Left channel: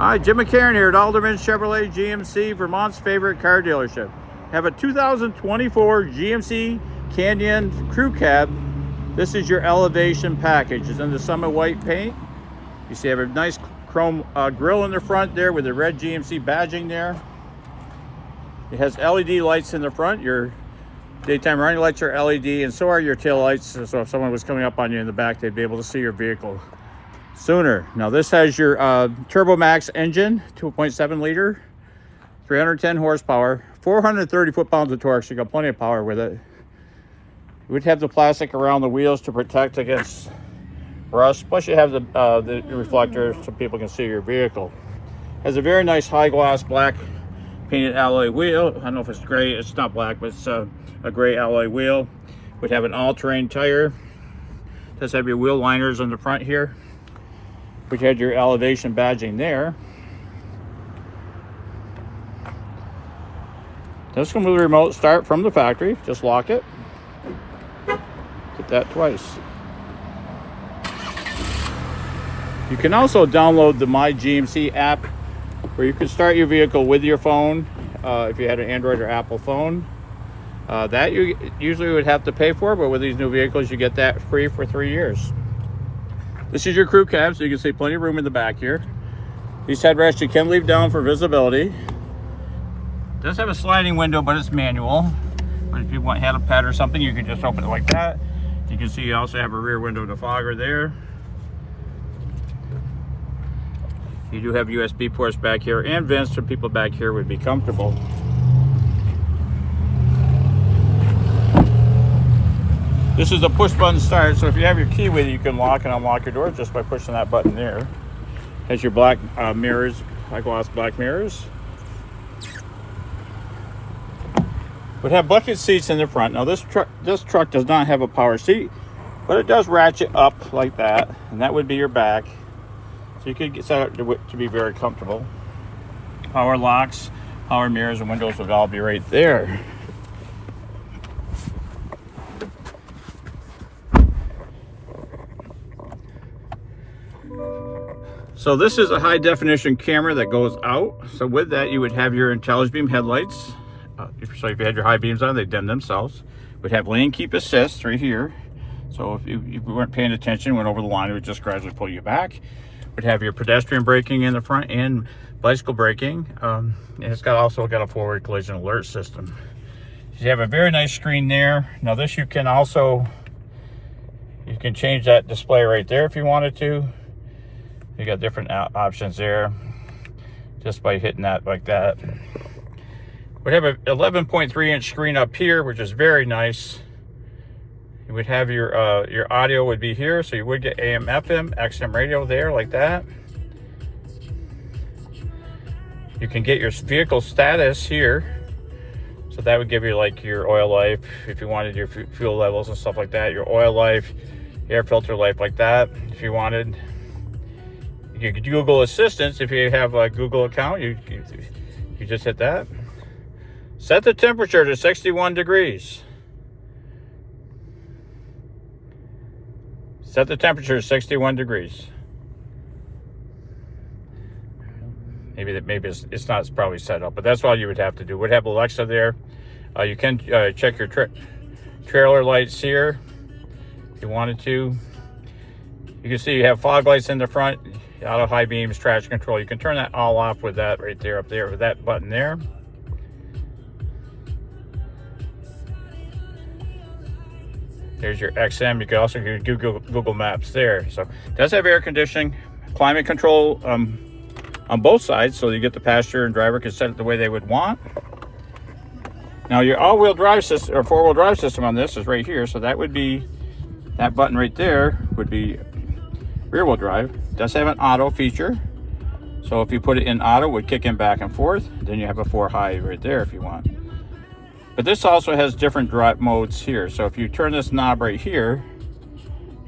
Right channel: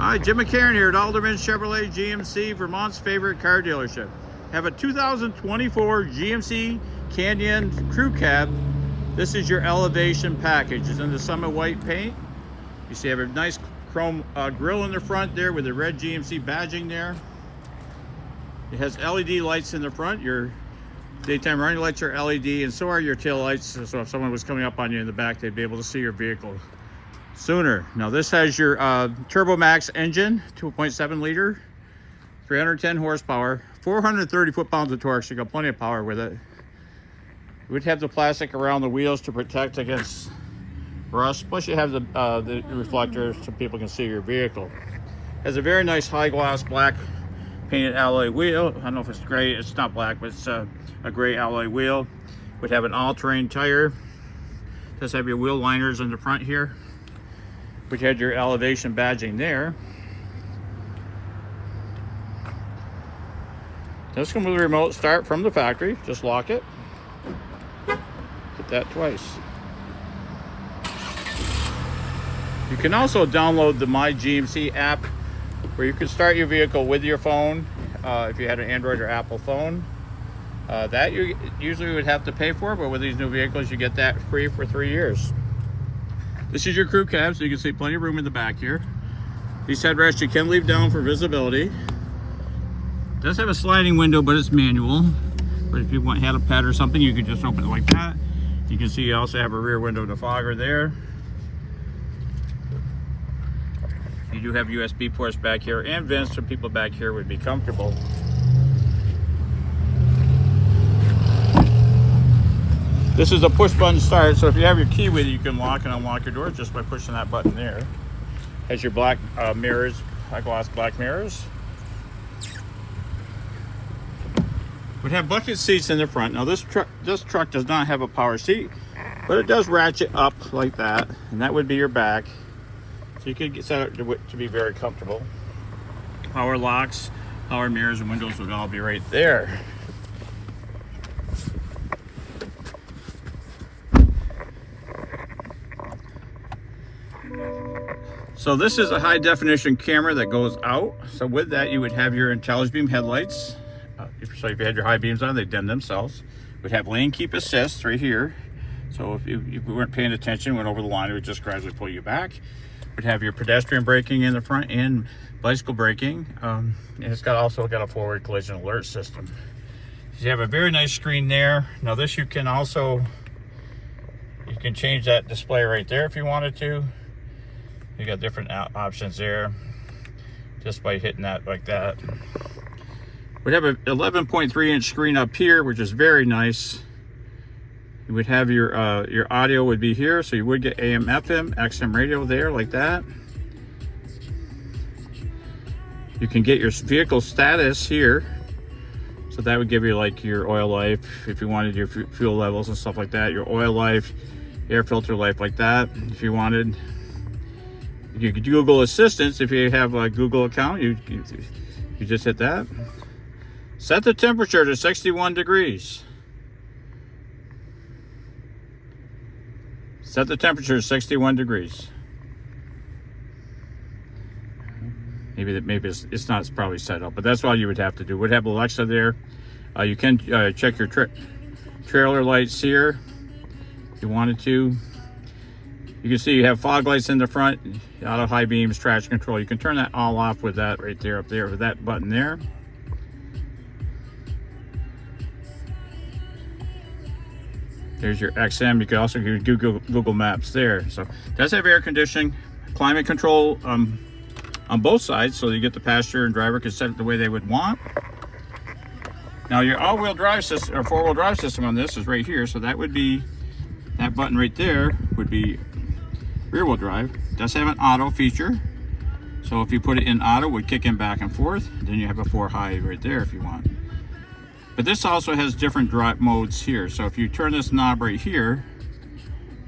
Hi, Jim McCarran here at Alderman Chevrolet GMC, Vermont's favorite car dealership. Have a 2024 GMC Canyon Crew Cab. This is your Elevation package. It's in the Summit White paint. You see I have a nice chrome grille in the front there with the red GMC badging there. It has LED lights in the front. Your daytime running lights are LED, and so are your tail lights. So if someone was coming up on you in the back, they'd be able to see your vehicle sooner. Now this has your Turbo Max engine, 2.7 liter, 310 horsepower, 430 foot-pounds of torque, so you got plenty of power with it. You would have the plastic around the wheels to protect against rust, plus you have the reflector so people can see your vehicle. Has a very nice high gloss black painted alloy wheel. I don't know if it's gray, it's not black, but it's a gray alloy wheel. Would have an all-terrain tire. Does have your wheel liners on the front here. We had your Elevation badging there. This comes with a remote start from the factory. Just lock it. Hit that twice. You can also download the My GMC app, where you can start your vehicle with your phone. If you had an Android or Apple phone, that you usually would have to pay for, but with these new vehicles, you get that free for 3 years. This is your crew cab, so you can see plenty of room in the back here. These headrests you can leave down for visibility. It does have a sliding window, but it's manual. But if you had a pet or something, you can just open it like that. You can see you also have a rear window defogger there. You do have USB ports back here and vents, so people back here would be comfortable. This is a push button start, so if you have your key with you, you can lock and unlock your door just by pushing that button there. Has your black mirrors, high gloss black mirrors. Would have bucket seats in the front. Now this truck does not have a power seat, but it does ratchet up like that, and that would be your back. So you could get set up to be very comfortable. Power locks, power mirrors, and windows would all be right there. So this is a high definition camera that goes out. So with that, you would have your intelligent beam headlights. So if you had your high beams on, they dim themselves. Would have lane keep assist right here. So if you weren't paying attention, went over the line, it would just gradually pull you back. Would have your pedestrian braking in the front and bicycle braking. And it's also got a forward collision alert system. So you have a very nice screen there. Now this you can change that display right there if you wanted to. You got different options there just by hitting that like that. We have a 11.3 inch screen up here, which is very nice. You would have your audio would be here, so you would get AM, FM, XM radio there like that. You can get your vehicle status here, so that would give you like your oil life, if you wanted your fuel levels and stuff like that, your oil life, air filter life like that, if you wanted. You could Google Assistance if you have a Google account. You just hit that. Set the temperature to 61 degrees. Set the temperature to 61 degrees. Maybe it's not probably set up, but that's all you would have to do. Would have Alexa there. You can check your trailer lights here if you wanted to. You can see you have fog lights in the front, auto high beams, traction control. You can turn that all off with that right there, up there with that button there. There's your XM. You can also do Google Maps there. So it does have air conditioning, climate control on both sides, so you get the passenger and driver can set it the way they would want. Now your all-wheel drive system or four-wheel drive system on this is right here, so that would be that button right there would be rear-wheel drive. It does have an auto feature, so if you put it in auto, it would kick in back and forth. Then you have a 4-high right there if you want. But this also has different drive modes here. So if you turn this knob right here,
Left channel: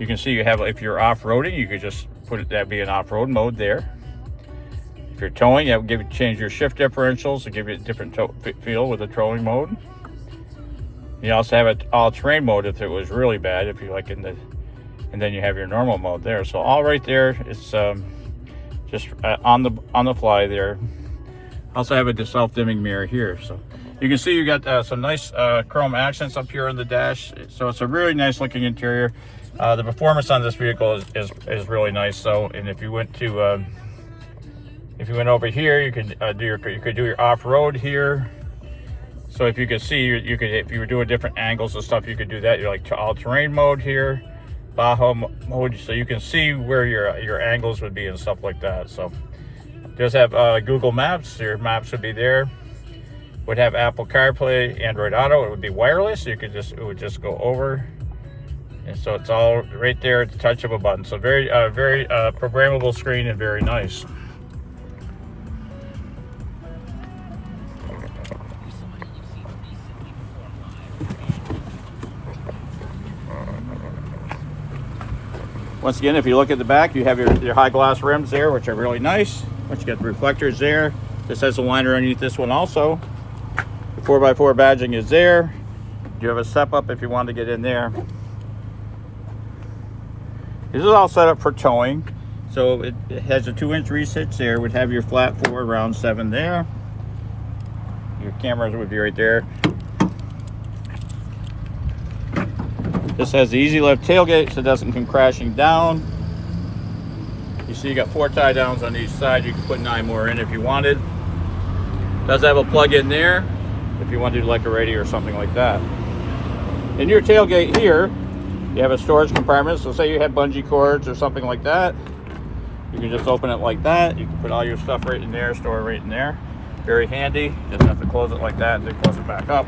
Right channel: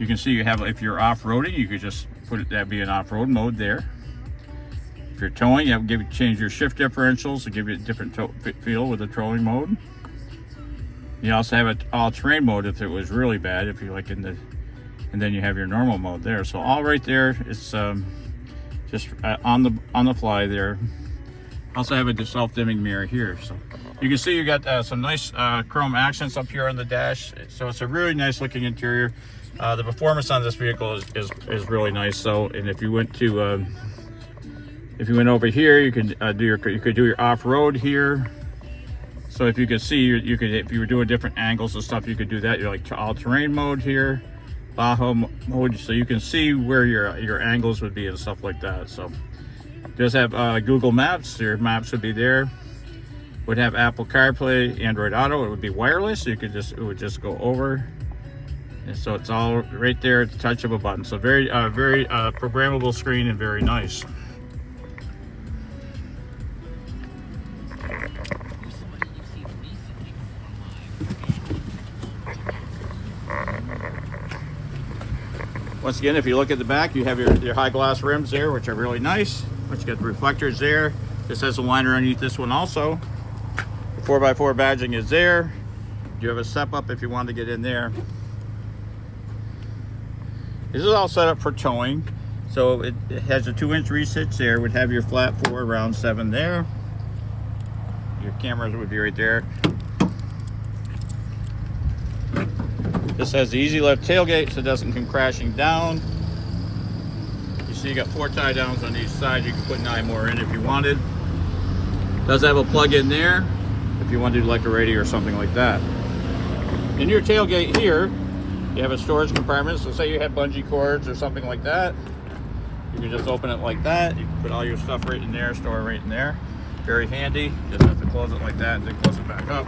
you can see you have, if you're off-roading, you could just put it, that'd be an off-road mode there. If you're towing, that would change your shift differentials to give you a different feel with the towing mode. You also have an all-terrain mode if it was really bad, if you like and then you have your normal mode there. So all right there, it's just on the fly there. Also have a self-dimming mirror here, so you can see you got some nice chrome accents up here on the dash. So it's a really nice looking interior. The performance on this vehicle is really nice. So, and if you went to if you went over here, you could do your off-road here. So if you could see, you could, if you were doing different angles and stuff, you could do that. You're like all-terrain mode here, Baja mode, so you can see where your angles would be and stuff like that. So it does have Google Maps. Your maps would be there. Would have Apple CarPlay, Android Auto. It would be wireless. So you could it would just go over, and so it's all right there at the touch of a button. So very programmable screen and very nice. Once again, if you look at the back, you have your high gloss rims there, which are really nice. Once you got the reflectors there, this has a liner underneath this one also. The 4x4 badging is there. You have a step up if you want to get in there. This is all set up for towing. So it has a 2-inch reach hitch there. Would have your flat 4 round 7 there. Your cameras would be right there. This has the easy lift tailgate, so it doesn't come crashing down. You see you got 4 tie downs on each side. You can put 9 more in if you wanted. Does have a plug in there if you want to do like a radio or something like that. In your tailgate here, you have a storage compartment. So say you had bungee cords or something like that, you can just open it like that. You can put all your stuff right in there, store it right in there. Very handy. Just have to close it like that and then close it back up.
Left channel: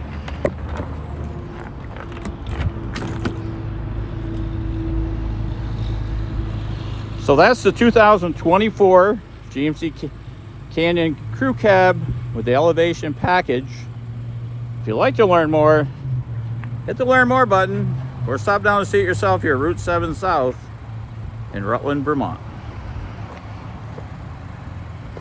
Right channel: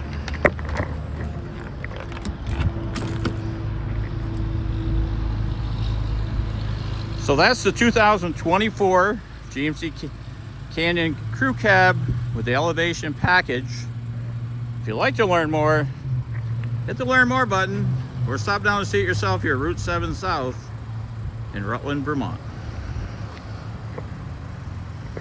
So that's the 2024 GMC Canyon Crew Cab with the Elevation package. If you'd like to learn more, hit the Learn More button or stop down to see it yourself here at Route 7 South in Rutland, Vermont.